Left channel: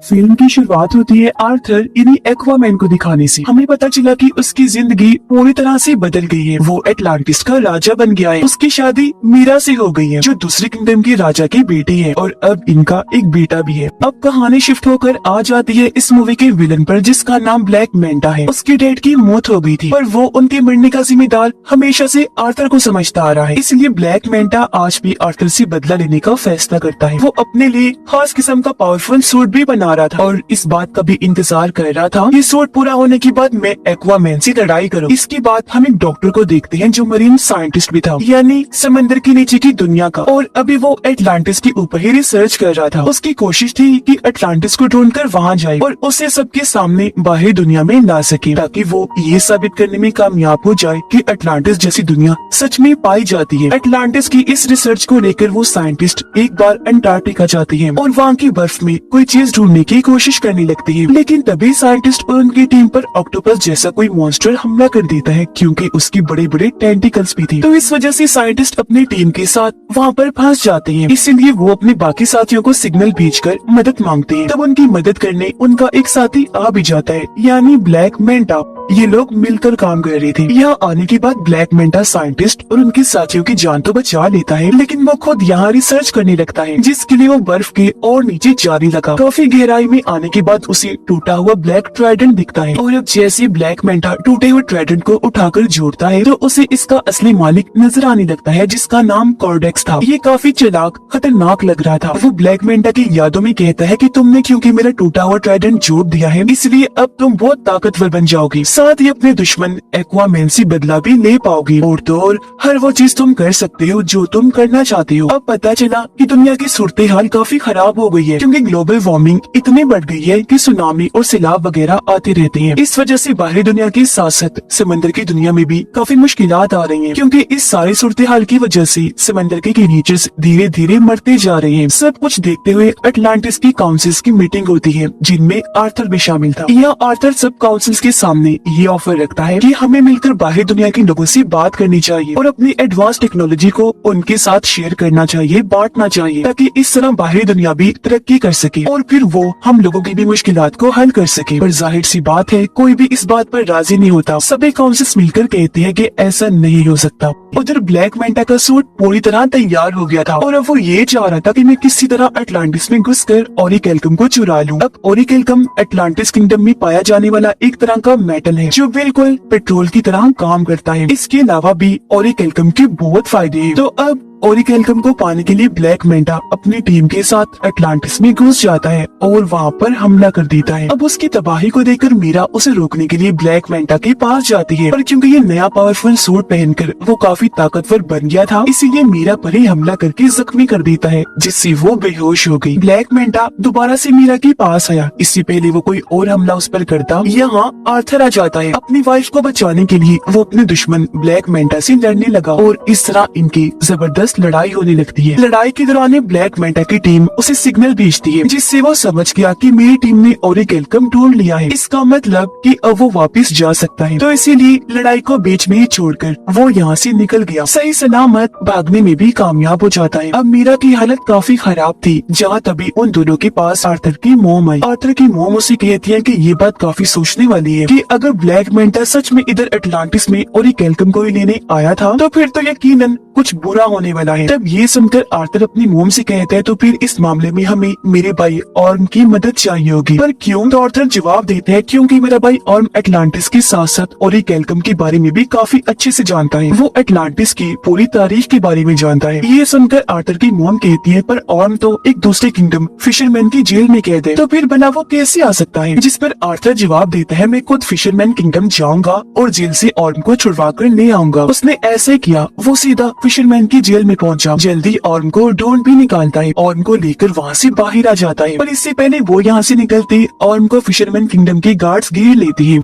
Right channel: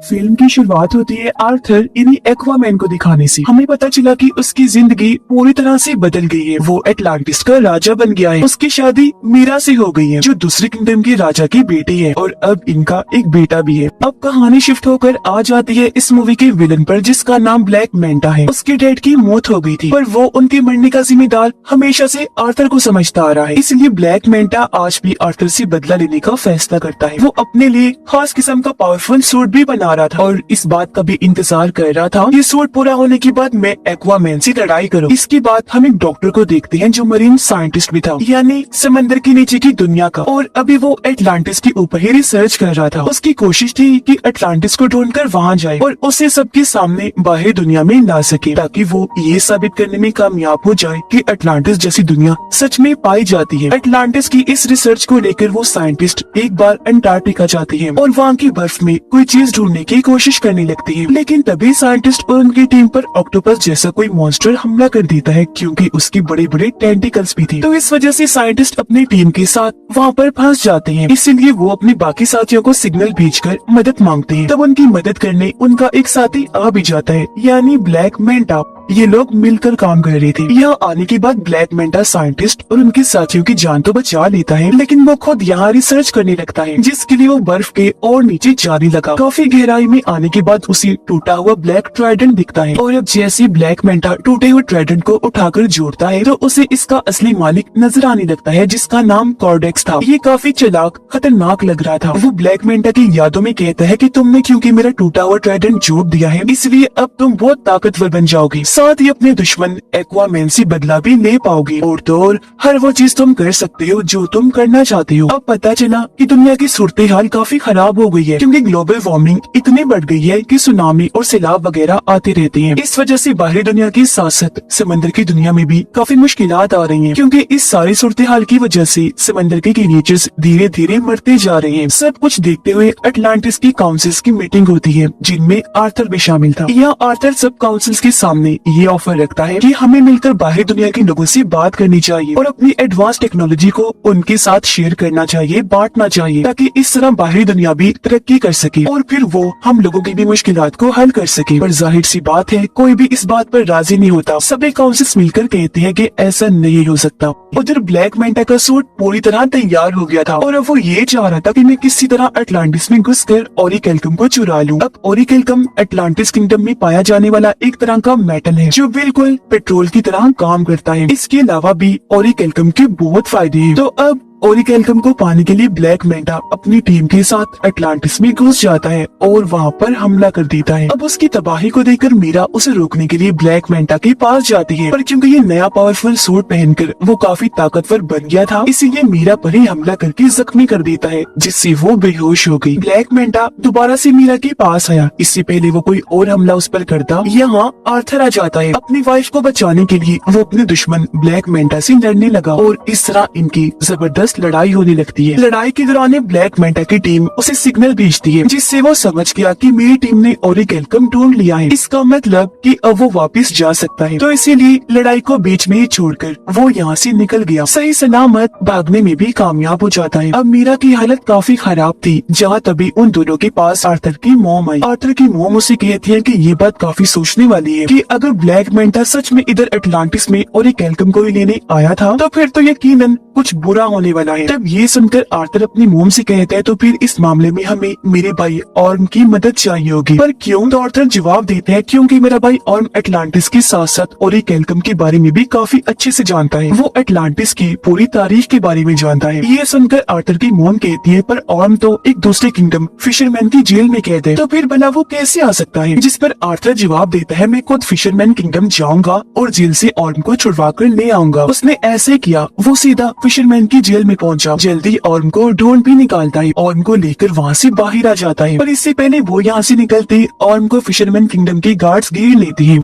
Film की शुरुआत होती है आर्थर इन्हीं एक्वामैन को दिखाने से। हमें पता चला कि उसकी जिंदगी पूरी तरह से बदल गई है। वो एटलांटिस का राजा बन गया है। उसकी शादी मीरा से हो गई है, जो दूसरे किंगडम के राजा की बेटी है, और अब इनका एक बेटा भी है। अब कहानी शिफ्ट होकर आ जाती है इस मूवी के विलन पर, जिसका नाम ब्लैक मैंटा है। उसके डैड की मौत हो गई थी, पर वो उनके मरने का जिम्मेदार हमेशा से आर्थर को समझता आ रहा है। इसलिए ब्लैक मैंटा आज भी आर्थर से बदला लेने का फैसला करता है। वो अपने लिए खास किस्म का पावरफुल सूट भी बना रहा था और इस बात का भी इंतजार कर रहा था ये सूट पूरा होने के बाद मैं एक्वामैन से लड़ाई करूं। इसके बाद हम एक डॉक्टर को देखते हैं जो मरीन साइंटिस्ट भी था, यानी समंदर के नीचे की दुनिया का, और अभी वो एटलांटिस के ऊपर ही रिसर्च कर रहा था। उसकी कोशिश थी कि एटलांटिस को ढूंढकर वहाँ जाए और उसे सबके सामने बाहर दुनिया में ला सके, ताकि वो ये साबित करने में कामयाब हो जाए कि एटलांटिस जैसी दुनिया सच में पाई जाती है। एटलांटिस की इस रिसर्च को लेकर वो साइंटिस्ट एक बार अंटार्कटिका जाते हैं और वहाँ की बर्फ में कोई चीज ढूंढने की कोशिश करने लगती है। लेकिन तभी साइंटिस्ट और उनकी टीम पर ऑक्टोपस जैसा कोई मॉन्स्टर हमला कर देता है, क्योंकि उसकी बड़े बड़े टेंटिकल्स भी थे। तो इस वजह से साइंटिस्ट अपनी टीम के साथ वहाँ पर फंस जाते हैं। इसीलिए वो अपने बाकी साथियों को सिग्नल भेजकर मदद मांगते हैं। तब उनकी मदद करने उनका एक साथी आ भी जाता है, यानी ब्लैक मैंटा। ये लोग मिलकर काम कर रहे थे। यहाँ आने के बाद ब्लैक मैंटा साइंटिस्ट और उनके साथियों की जान तो बचा लेता है, लेकिन वो खुद यहाँ रिसर्च करने लगता है, जिसके लिए वो बर्फ के और नीचे जाने लगा। काफी गहराई में आने के बाद उसे टूटा हुआ ब्लैक ट्राइडेंट दिखता है, और अब जैसे ब्लैक मैंटा टूटे हुए ट्राइडेंट को उठाकर जोड़ता है तो उसे इसका असली मालिक नजर आने लगता है, जिसका नाम कॉर्डेक्स था। ये काफी चालाक खतरनाक लग रहा था। वो ब्लैक मैंटा की यादों में कहता है कि तुमने क्योंकि मेरा टूटा हुआ ट्राइडेंट जोड़ दिया है, इसलिए अब तुम बहुत ताकतवर बन जाओगी, साथ ही अपने दुश्मन एक्वामैन से बदला भी ले पाओगे, और तो और हर वो चीज तुम कर सकते हो जो तुम करना चाहते हो। अब पता चला कि दुनिया की सूरत हाल काफी खराब हो गई है, क्योंकि ग्लोबल वार्मिंग इतनी बढ़ गई है कि सुनामी और सैलाब वगैरह आती रहती हैं। इस वजह से बाहरी दुनिया के साथ साथ समंदर की दुनिया में भी काफी मुश्किलात आ रही हैं, क्योंकि इस सारी सूरत हाल की वजह से समंदर के क्रिएचर्स धीरे धीरे मरते जा रहे हैं। सब कुछ देखते हुए अटलांटिस की काउंसिल्स की मीटिंग होती है, जिनमें आर्थर भी शामिल था। यह आर्थर सब काउंसिल्स के सामने ये ऑफर रखता है कि हमें मिलकर बाहरी दुनिया के लोगों से बात करनी चाहिए और अपनी एडवांस टेक्नोलॉजी को उनके साथ शेयर करना चाहिए, बांटना चाहिए, ताकि इस तरह बाहरी दुनिया भी तरक्की कर सके और फिर वो हम लोगों की भी मुश्किलात को हल कर सके। पर जाहिर सी बात है, कोई भी इस बात पर राजी नहीं होता। सभी काउंसिल्स मिलकर कहते हैं कि ऐसा नहीं हो सकता। उधर ब्लैक मैंटा का सूट पूरी तरह तैयार हो गया था और अब वो ये चाह रहा था कि मैं किसी तरह अटलांटिस में घुसकर ओरिकेल्कम को चुरा लूं। अब ओरिकेल्कम अटलांटिस किंगडम में पाया जाने वाला एक तरह का मेटल है, जो बिल्कुल पेट्रोल की तरह काम करता है। इसके अलावा भी ओरिकेल्कम के बहुत फायदे हैं। तो अब ओरिकेल्कम को पाने के लिए ब्लैक मैंटा अपनी टीम के साथ अटलांटिस में घुस जाता है और वहाँ पर हमला कर देता है। अब उसकी तबाही को देखकर मीरा उसे रोकने के लिए ब्लैक मैंटा के पास जाती है, पर क्योंकि ये नया पावरफुल सूट पहनकर वो काफी ताकतवर बन गया था, इसीलिए मीरा पर ही हमला करके जख्मी कर देता है, जिससे वो बेहोश हो गई। ब्लैक मैंटा दोबारा से मीरा के पास आया। इससे पहले वो कोई और हमला उस पर करता, यहाँ आर्थर आ जाता है। अपनी वाइफ को बचाने के लिए वो अपने दुश्मन ब्लैक मैंटा से लड़ने लगा और इस तरह इनकी जबरदस्त लड़ाई होने लगती है। लड़ाई के दौरान ब्लैक मैंटा की टीम उसे सिग्नल भेजती है, जिससे वो समझ गया कि मेरी टीम ने ओरिकेल्कम ढूंढ लिया है। इसका मतलब कि अब वो वापस जा सकता है। तो इसीलिए लड़ाई को बीच में ही छोड़कर वो यहाँ से निकल गया। सही सलामत भागने में भी कामयाब हो जाता है। अब मीरा की हालत काफी खराब थी, जहाँ तभी उन दोनों के पास आर्थर की मोम आई। आर्थर की मोम उसे कहती है कि ये बात काफी सोचने वाली है कि अगर ब्लैक मैंटा सच में इधर अटलांटिस में ओरिकेल्कम को ही लेने आया था, तो फिर तो यकीनन कुछ बुरा होने वाला है। जब ये सुनकर आर्थर अपनी मोम से कहता है तो फिर इस मामले में हमें मेरे भाई ऑर्म की मदद चाहिए होगी। पर क्यों? तो आर्थर जवाब देते हैं क्योंकि मेरा भाई ऑर्म अटलांटिस के साथ साथ ओरिकेल्कम के बारे में भी काफी अच्छे से जानता है। वो अटलांटिस की पूरी तारीख के बारे में जानता है। ये सुनकर आर्थर की मोम कहती है पर ऑर्म तो एक दूसरे किंगडम फिशरमैन की जेल में कैद है, तो फिर भला वो कैसे आ सकता है? जिस पर आर्थर जवाब देता है मैं खुद फिशरमैन किंगडम जाऊंगा और जेल से ऑर्म को छुड़वा कर ले आऊंगा। उसने ऐसे किया, वो सीधा फिशरमैन की जेल में पहुंचा। जल्दी ऑर्म को ढूंढ भी निकालता है, ऑर्म को लेकर वहाँ से बाहर आ जाता है। पर इससे पहले वो यहाँ से निकलते ऑर्म को फिशरमैन किंगडम के गार्ड्स घेर लेते हैं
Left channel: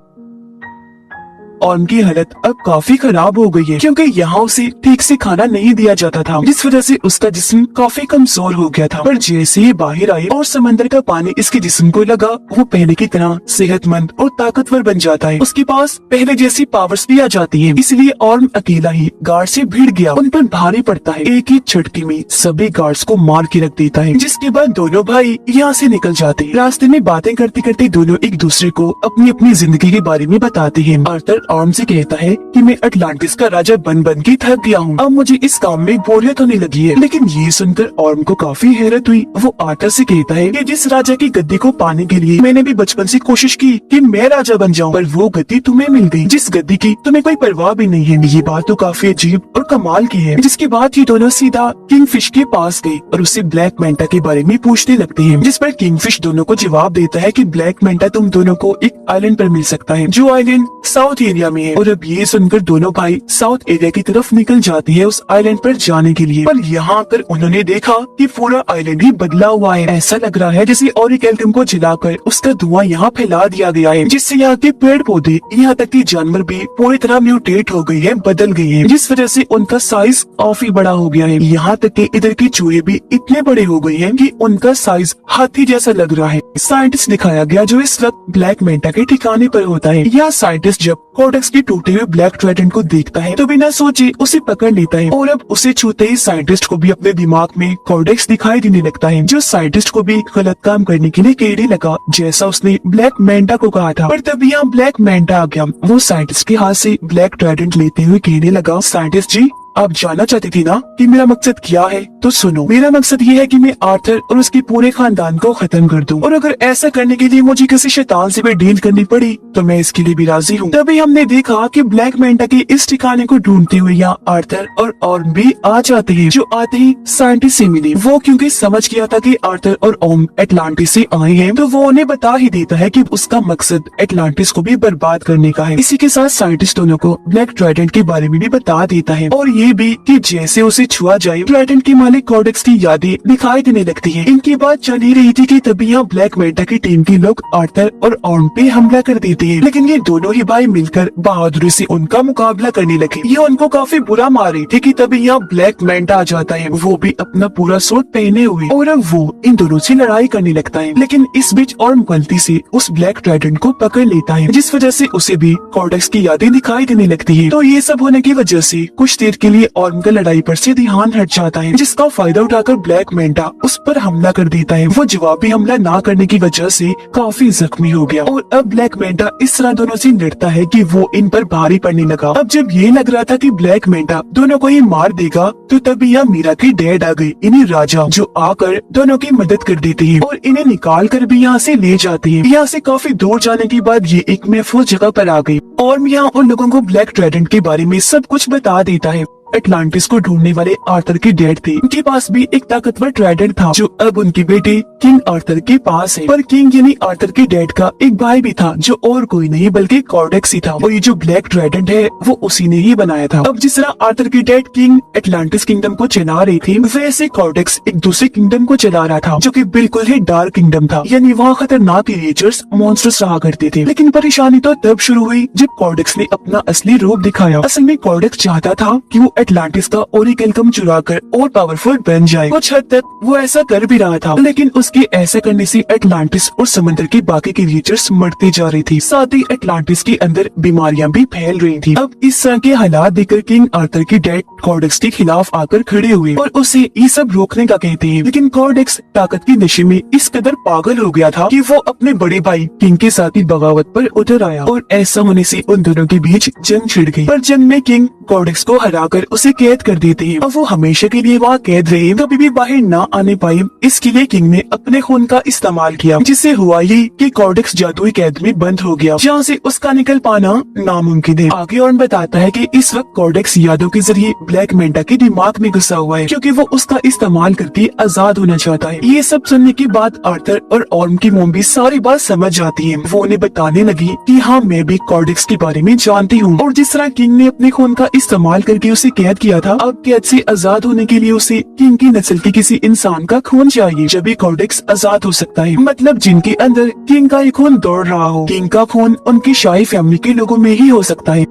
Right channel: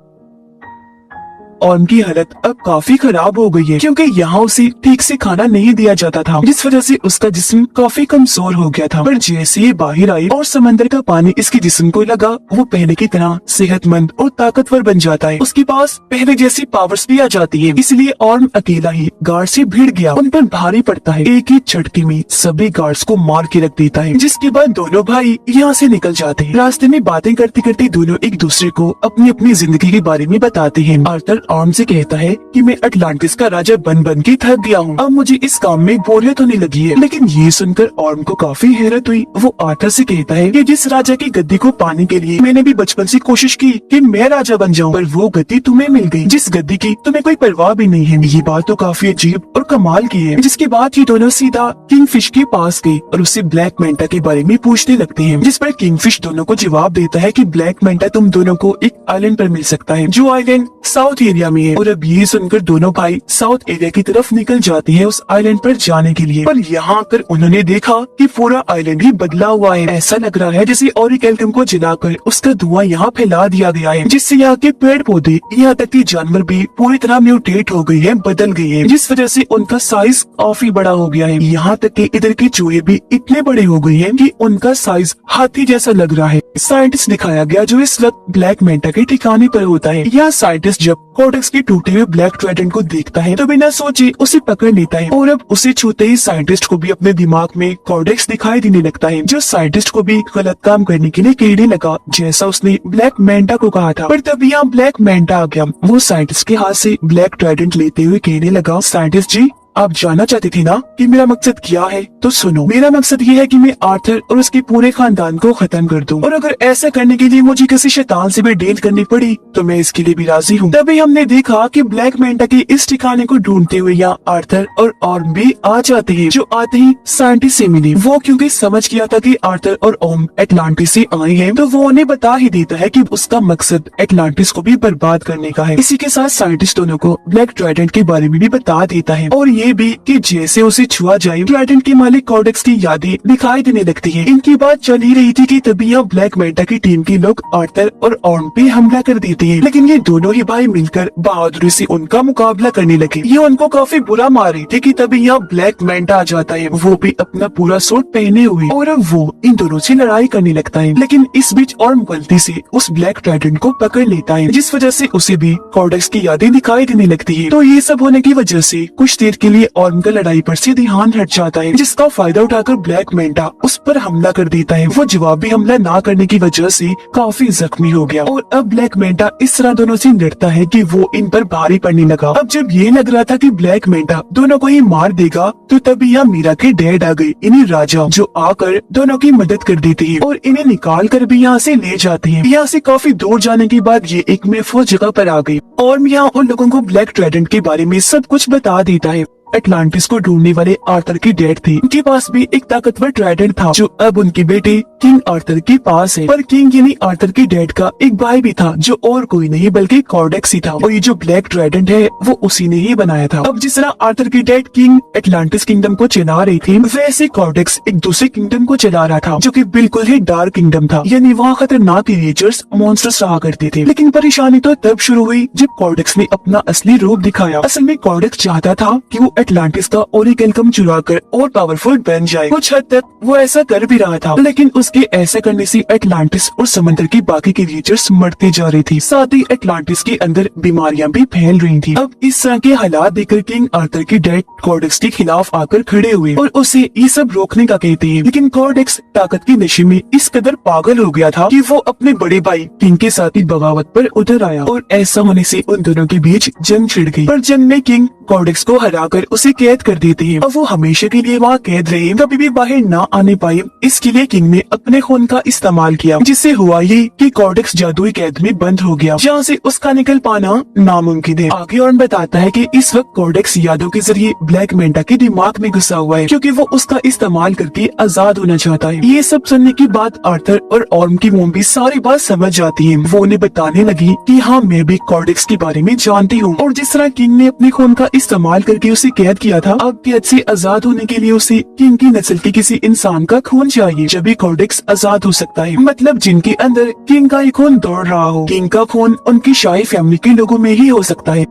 ऑर्म की हालत अब काफी खराब हो गई है, क्योंकि यहाँ उसे ठीक से खाना नहीं दिया जाता था, जिस वजह से उसका जिस्म काफी कमजोर हो गया था। पर जैसे ही बाहर आई और समंदर का पानी इसके जिस्म को लगा, वो पहले की तरह सेहतमंद और ताकतवर बन जाता है। उसके पास पहले जैसी पावर्स भी आ जाती है। इसलिए ऑर्म अकेला ही गार्ड से भिड़ गया, उन पर भारी पड़ता है। एक ही झटके में सभी गार्ड्स को मार के रख देता है, जिसके बाद दोनों भाई यहाँ से निकल जाते हैं। रास्ते में बातें करते करते दोनों एक दूसरे को अपनी अपनी जिंदगी के बारे में बताते हैं। आर्थर ऑर्म से कहता है कि मैं अटलांटिस का राजा बन के थक गया हूँ, अब मुझे इस काम में बोरियत होने लगी है। लेकिन ये सुनकर ऑर्म को काफी हैरत हुई। वो आर्थर से कहता है कि जिस राजा की गद्दी को पाने के लिए मैंने भी बचपन से कोशिश की कि मैं राजा बन जाऊँ, पर वो गद्दी तुम्हें मिल गई, जिस गद्दी की तुम्हें कोई परवाह भी नहीं है। ये बात तो काफी अजीब और कमाल की है। जिसके बाद ये दोनों सीधा किंगफिश के पास गए और उससे ब्लैक मेंटा के बारे में पूछने लगते हैं, जिस पर किंगफिश दोनों को जवाब देता है कि ब्लैक मेंटा तुम दोनों को एक आइलैंड पर मिल सकता है, जो आइलैंड साउथ एरिया में है। और अब ये सुनकर दोनों भाई साउथ एरिया की तरफ निकल जाते हैं उस आइलैंड पर जाने के लिए। पर यहाँ पर उन्होंने देखा कि पूरा आइलैंड ही बदला हुआ है। ऐसा लग रहा है जैसे ऑरिक एल्गम को जलाकर उसका धुआं यहाँ फैला दिया गया है, जिससे यहाँ के पेड़ पौधे, यहाँ तक कि जानवर भी पूरी तरह म्यूटेट हो गए हैं, बदल गए हैं, जिस वजह से उनका साइज काफी बड़ा हो गया है। यहाँ तक कि इधर के चूहे भी इतने बड़े हो गए हैं कि उनका साइज हाथी जैसा लग रहा है। साइंटिस्ट दिखाया गया जो इस वक्त ब्लैक मेंटा के ठिकाने पर होता है। यह साइंटिस्ट जब कोडेक्स के टूटे हुए ब्लैक ट्राइडेंट को देखता है तो बिना सोचे उसे पकड़ लेता है, और अब उसे छूते ही साइंटिस्ट को भी अपने दिमाग में कोडेक्स दिखाई देने लगता है, जो साइंटिस्ट को भी गलत काम करने के लिए कहने लगा, जैसा उसने ब्लैक मेंटा को कहा था। पर तभी यहाँ ब्लैक मेंटा आ गया। वो साइंटिस्ट के हाथ से ब्लैक ट्राइडेंट लेते हुए कहने लगा, साइंटिस्ट जी, आप जानना चाहते थे ना कि मेरा मकसद क्या है? तो सुनो, मेरा मकसद ये है कि मैं आर्थर और उसके पूरे खानदान को खत्म कर दूं, और अगर ऐसा करने के लिए मुझे किसी शैतान से भी डील करनी पड़ी तो मैं इसके लिए भी राजी हूँ। तभी हमने देखा कि ब्लैक मेंटा के इस ठिकाने को ढूंढते हुए यहाँ आर्थर और ऑर्म भी आ जाते हैं, जो आते ही साइंटिस्ट से मिले। वो क्योंकि समझ गया था कि आर्थर और ऑर्म एटलांटिस से आए हैं, तो वो उन्हें बता ही देता है कि उसका मकसद एटलांटिस को भी बर्बाद करने का है। इसी के साथ साइंटिस्ट दोनों को ब्लैक ट्राइडेंट के बारे में भी बता देता है, और ये भी कि जैसे उसे छुआ जाए ट्राइडेंट के मालिक कोडेक्स की यादें दिखाई देने लगती हैं। इनकी बात चल ही रही थी कि तभी यहाँ ब्लैक मेंटा की टीम के लोग आर्थर और ऑर्म पे हमला कर देते हैं, लेकिन ये दोनों ही भाई मिलकर बहादुरी से उनका मुकाबला करने लगे। ये उनको काफी बुरा मार रही थी कि तभी यहाँ ब्लैक मेंटा आ जाता है, वो भी अपना पूरा सूट पहने हुए, और अब वो इन दोनों से लड़ाई करने लगता है। लेकिन इस बीच ऑर्म गलती से उस ब्लैक ट्राइडेंट को पकड़ लेता है, जिस वजह से उसे भी कोडेक्स की यादें दिखाई देने लगती है। तो ये सब होने की वजह से कुछ देर के लिए ऑर्म का लड़ाई पर से ध्यान हट जाता है, जिसका फायदा उठाकर ब्लैक मेंटा उस पर हमला कर देता है। वो जवाबी हमला ना करने की वजह से काफी जख्मी हो गया, और अब ब्लैक मेंटा इस तरह दोनों से लड़ता है कि वो इन पर भारी पड़ने लगा। अब जब ये लग रहा था कि ब्लैक मेंटा दोनों को ही मार देगा, तो तभी यहाँ मीरा के डैड आ गए, इन्हीं राजा, जो आकर दोनों की मदद कर देते हैं और इन्हें निकाल कर भी यहाँ से ले जाते हैं। यहाँ से काफी दूर जाने के बाद ये एक महफूज जगह पर आ गई, और यहाँ उन लोगों को ब्लैक ट्राइडेंट के बारे में सब कुछ बता देता है। एटलांटिस को ढूंढने वाले आर्थर के डैड थे, उनके पास भी एक ताकतवर ट्राइडेंट था, जो अब उनके बेटे किंग आर्थर के पास है। पर किंग यानी आर्थर के डैड का एक भाई भी था, जो और कोई नहीं बल्कि कोडेक्स ही था, और ये जो ब्लैक ट्राइडेंट है वो उसी ने ही बनाया था। अब जिस तरह आर्थर के डैड किंग एटलांटिस किंगडम को चला रहे थे, वैसे कोडेक्स एक दूसरे किंगडम को चला रहा था, जो कि बिल्कुल ही डार्क किंगडम था, यानी वहाँ खतरनाक क्रिएचर्स, मॉन्स्टर्स रहा करते थे। लेकिन परेशानी तो तब शुरू हुई जब कोडेक्स ने अपना असली रूप दिखाया। असल में कोडेक्स चाहता था कि वो एटलांटिस का ओरिक एल्गम चुराकर और पावरफुल बन जाए। कुछ हद तक वो ऐसा कर भी रहा था, लेकिन उसके ऐसा करने से एटलांटिस और समुद्र की बाकी क्रिएचर्स मरते जा रही थी, साथ ही एटलांटिस के अंदर बीमारियां भी फैल रही थी। अब इस तरह के हालात देखकर किंग आर्थर के डैड कोडेक्स के खिलाफ आकर खड़े हुए और उसे ये सब रोकने का कहते हैं। लेकिन कोडेक्स ताकत के नशे में इस कदर पागल हो गया था कि वो अपने बड़े भाई किंग के साथ ही बगावत पर उतर आया, और ऐसा होने से उन दोनों के बीच जंग छिड़ गई। पर जंग में किंग कोडेक्स को हराकर उसे कैद कर देते हैं। अब वो हमेशा के लिए वहाँ कैद रहे, कभी भी बाहर न आने पाए। इसके लिए किंग ने अपने खून का इस्तेमाल किया, जिससे हुआ ये कि कोडेक्स जादुई कैद में बंद हो गया, जहाँ से उसका निकल पाना नामुमकिन है। आगे और बताता है कि इस वक्त कोडेक्स यादों के जरिए ब्लैक मेंटा के दिमाग में घुसा हुआ है, क्योंकि वो उसका इस्तेमाल करके आजाद होना चाहता है। ये सब सुनने के बाद आर्थर और ऑर्म की मोम भी सारी बात समझ जाती है। वो उन्हें बताने लगी कि हाँ, मैं भी कोडेक्स के बारे में जानती हूँ, और जिस तरह किंग ने अपने खून का इस्तेमाल करके उसे कैद किया था, अब कैद से आजाद होने के लिए उसे किंग की नस्ल के किसी इंसान का खून चाहिए, जब भी कोडेक्स आजाद हो सकता है। मतलब जिनके अंदर किंग का ही खून दौड़ रहा हो। किंग का खून उनकी शाही फैमिली के लोगों में ही हो सकता है।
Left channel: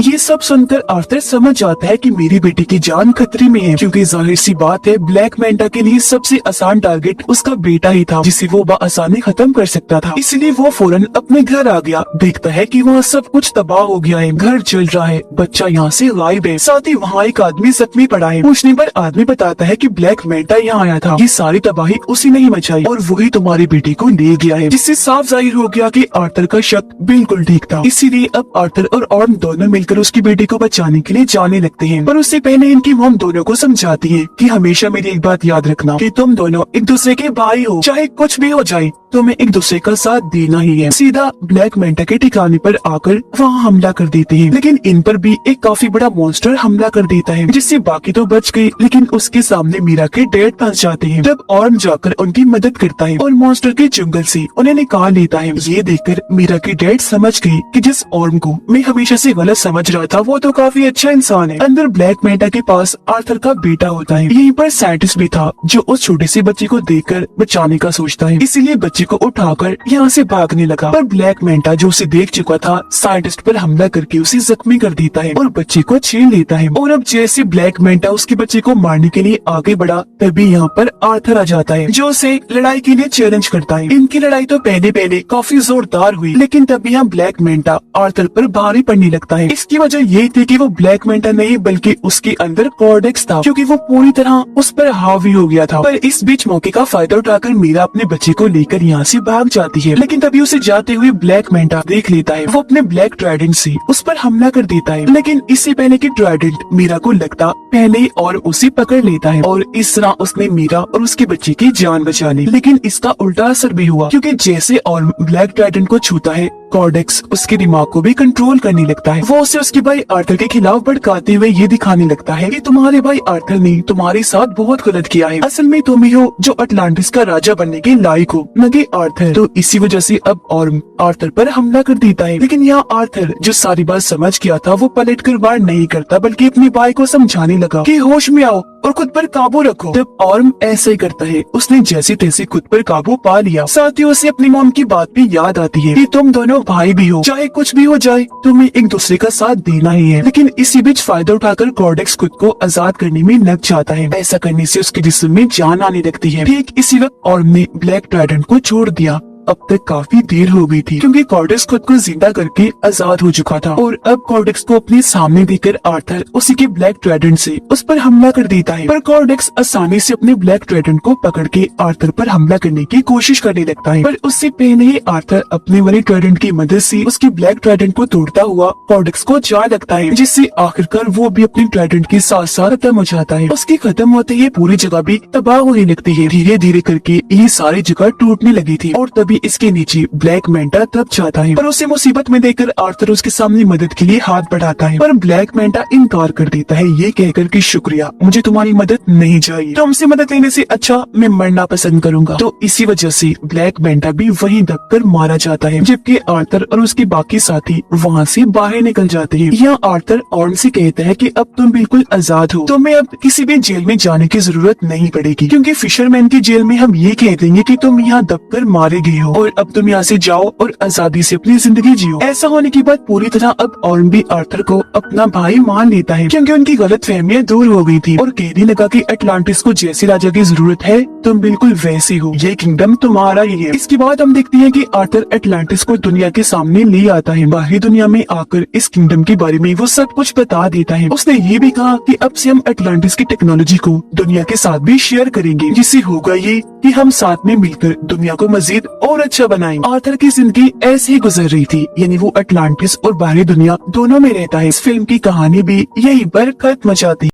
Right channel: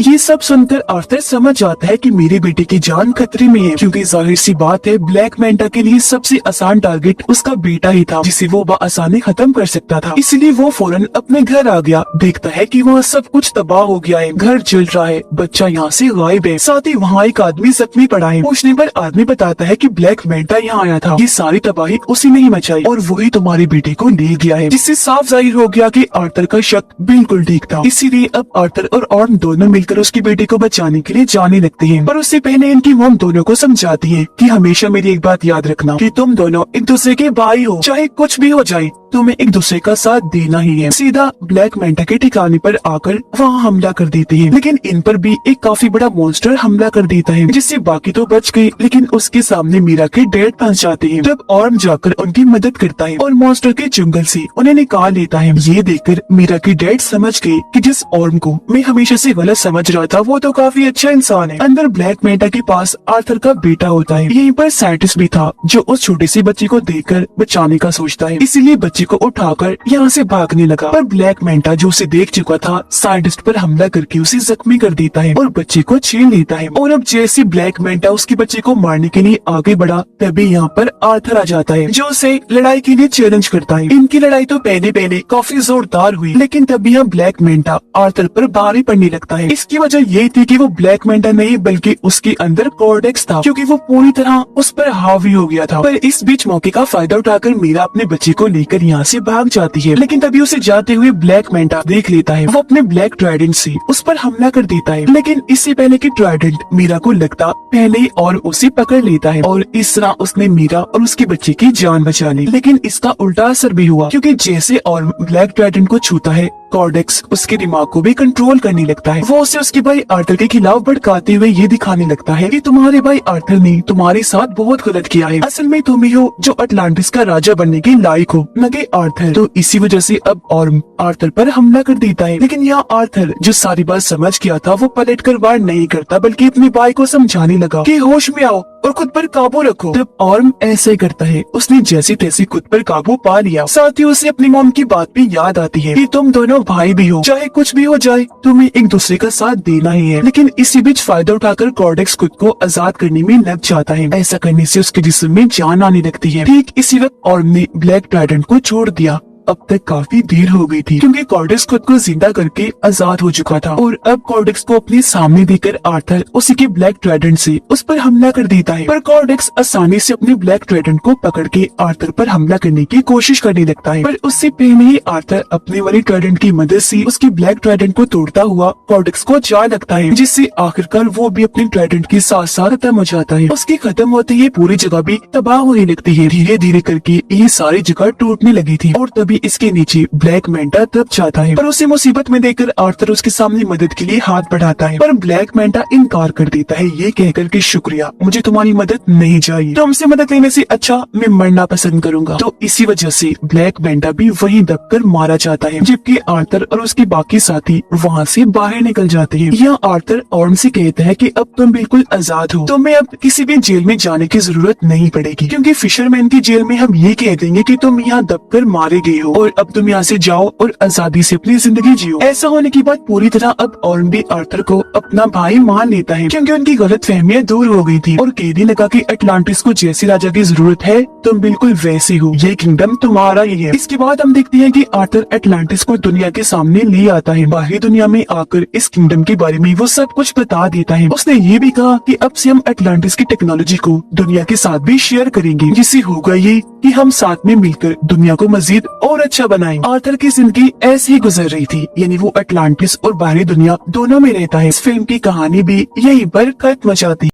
ये सब सुनकर आर्थर समझ जाता है कि मेरी बेटी की जान खतरे में है, क्योंकि जाहिर सी बात है ब्लैक मेंटा के लिए सबसे आसान टारगेट उसका बेटा ही था, जिसे वो बआसानी खत्म कर सकता था। इसलिए वो फौरन अपने घर आ गया। देखता है कि वहाँ सब कुछ तबाह हो गया है, घर जल रहा है, बच्चा यहाँ से गायब है, साथ ही वहाँ एक आदमी जख्मी पड़ा है। पूछने पर आदमी बताता है कि ब्लैक मेंटा यहाँ आया था, ये सारी तबाही उसी ने ही मचाई और वही तुम्हारी बेटी को ले गया है, जिससे साफ जाहिर हो गया कि आर्थर का शक बिल्कुल ठीक था। इसीलिए अब आर्थर और ऑर्म दोनों मिलकर उसकी बेटी को बचाने के लिए जाने लगते हैं। पर उससे पहले इनकी मॉम दोनों को समझाती है कि हमेशा मेरी एक बात याद रखना कि तुम दोनों एक दूसरे के भाई हो, चाहे कुछ भी हो जाए तुम्हें एक दूसरे का साथ देना ही है। सीधा ब्लैक मेंटा के ठिकाने पर आकर वहाँ हमला कर देते हैं, लेकिन इन पर भी एक काफी बड़ा मॉन्स्टर हमला कर देता है, जिससे बाकी तो बच गए, लेकिन उसके सामने मीरा के डैड फंस जाते हैं। तब ऑर्म जाकर उनकी मदद करता है और मॉन्स्टर के जंगल से उन्हें निकाल लेता है। ये देखकर मीरा के डैड समझ गए कि जिस ऑर्म को मैं हमेशा से गलत समझ रहा था वो तो काफी अच्छा इंसान है। अंदर ब्लैक मेंटा के पास आर्थर का बेटा होता है। यहीं पर साइंटिस्ट भी था जो उस छोटे से बच्चे को देखकर बचाने का सोचता है, इसीलिए बच्चे को उठाकर यहाँ से भागने लगा। पर ब्लैक मेंटा जो उसे देख चुका था साइंटिस्ट पर हमला करके उसे जख्मी कर देता है और बच्चे को छीन लेता है। और अब जैसे ब्लैक मेंटा उसके बच्चे को मारने के लिए आगे बढ़ा, तभी यहाँ पर आर्थर आ जाता है जो उसे लड़ाई के लिए चैलेंज करता है। इनकी लड़ाई तो पहले काफी जोरदार हुई, लेकिन तभी यहाँ ब्लैक मेंटा आर्थर पर भारी पड़ने लगता है। इसकी वजह ये थी कि वो ब्लैक मेंटा नहीं बल्कि उसके अंदर कोर्डेक्स था, क्योंकि वो पूरी तरह उस पर हावी हो गया था। पर इस बीच मौके का फायदा उठाकर मीरा अपने बच्चे को लेकर यहाँ से भाग जाती है, लेकिन तभी उसे जाते हुए ब्लैक मेंटा देख लेता है। वो अपने ब्लैक ट्राइडेंट से उस पर हमला कर देता है, लेकिन इससे पहले कि ट्राइडेंट मीरा को लगता पहले और उसे पकड़ लेता है और इस तरह उसने मीरा और उसके बच्चे की जान बचा ली। लेकिन इसका उल्टा असर भी हुआ, क्योंकि जैसे और ब्लैक ट्राइडेंट को छूता है कॉर्डेक्स उसके दिमाग को भी कंट्रोल करने लगता है। वो उसे उसके भाई आर्थर के खिलाफ भड़काते हुए ये दिखाने लगता है कि तुम्हारे भाई आर्थर ने तुम्हारे साथ बहुत गलत किया है, असल में तुम ही हो जो अटलांटिस का राजा बनने के लायक हो, न कि आर्थर। तो इसी वजह से अब और आर्थर पर हमला कर देता है। लेकिन यहाँ आर्थर जो सारी बात समझ गया था वो पलट कर वार नहीं करता, बल्कि अपने भाई को समझाने लगा कि होश में आओ और खुद पर काबू रखो। तब ऑर्म ऐसे करता है, उसने जैसे तैसे खुद पर काबू पा लिया। साथ ही उसे अपनी मॉम की बात भी याद आती है कि तुम दोनों भाई भी हो, चाहे कुछ भी हो जाए तुम्हें एक दूसरे का साथ देना ही है। लेकिन इसी बीच फायदा उठाकर कॉर्डेक्स खुद को आजाद करने में लग जाता है। ऐसा करने से उसके जिस्म में जान आने लगती है। ठीक इसी वक्त ऑर्म ने ब्लैक ट्राइडेंट को छोड़ दिया। अब तक काफी देर हो गई थी, क्योंकि कॉर्डेक्स खुद को जिंदा करके आजाद हो चुका था। और अब कॉर्डेक्स को अपने सामने देखकर आर्थर उसी के ब्लैक ट्राइडेंट से उस पर हमला कर देता है। पर कॉर्डेक्स आसानी से अपने ब्लैक ट्राइडेंट को पकड़ के आर्थर पर हमला करने की कोशिश करने लगता है। पर उससे पहले ही आर्थर अपने वाले ट्राइडेंट की मदद से उसके ब्लैक ट्राइडेंट को तोड़ता हुआ कॉर्डेक्स को जा लगता है, जिससे आखिरकार वो भी अपने ट्राइडेंट के साथ साथ खत्म हो जाता है। उसके खत्म होते ही पूरी जगह भी तबाह होने लगती है। धीरे धीरे करके ये सारी जगह टूटने लगी थी और तभी इसके नीचे ब्लैक मेंटा दब जाता है। पर उसे मुसीबत में देखकर आर्थर उसके सामने मदद के लिए हाथ बढ़ाता है, पर ब्लैक मेंटा इनकार कर देता है ये कहकर कि शुक्रिया, मुझे तुम्हारी मदद नहीं चाहिए, तुमसे मदद लेने से अच्छा मैं मरना पसंद करूंगा। तो इसी वजह से ब्लैक मेंटा भी वहीं दबकर मारा जाता है, जबकि आर्थर और उसके बाकी साथी वहाँ से बाहर निकल जाते हैं। यहाँ आर्थर ऑर्म से कहता है कि अब तुम बिल्कुल आजाद हो, तुम्हें अब किसी भी जेल में जाने की जरूरत नहीं पड़ेगी, क्योंकि फिशरमैन की जेल में हम ये कह देंगे कि तुम यहाँ दबकर मारे गए हो और अब तुम यहाँ से जाओ और आजादी से अपनी जिंदगी जियो। ऐसा होने के बाद पूरी तरह अब ऑर्म भी आर्थर को अपना भाई मान लेता है, क्योंकि उनकी गलत फहमियाँ दूर हो गई थी और कहने लगा कि अटलांटिस को जैसे राजा की जरूरत है तुम बिल्कुल वैसी हो, ये किंगडम तुम्हारा ही है। इसके बाद हम देखते हैं कि आर्थर अटलांटिस को दुनिया के सामने ले आता है। बाहरी दुनिया में आकर इस किंगडम के बारे में वो सब कुछ बता देता है। उसने ये भी कहा कि अब से हम अटलांटिस की टेक्नोलॉजी को दुनिया के साथ भी शेयर करेंगे, जिससे होगा ये कि हम साथ में मिलकर दुनिया को मजीद और अच्छा बनाएंगे। आर्थर की जिंदगी ऐसे ही गुजर रही थी, यानी वो अटलांटिस और बाहरी दुनिया दोनों में रहता है। इस फिल्म की कहानी भी यहीं पर खत्म हो जाती है।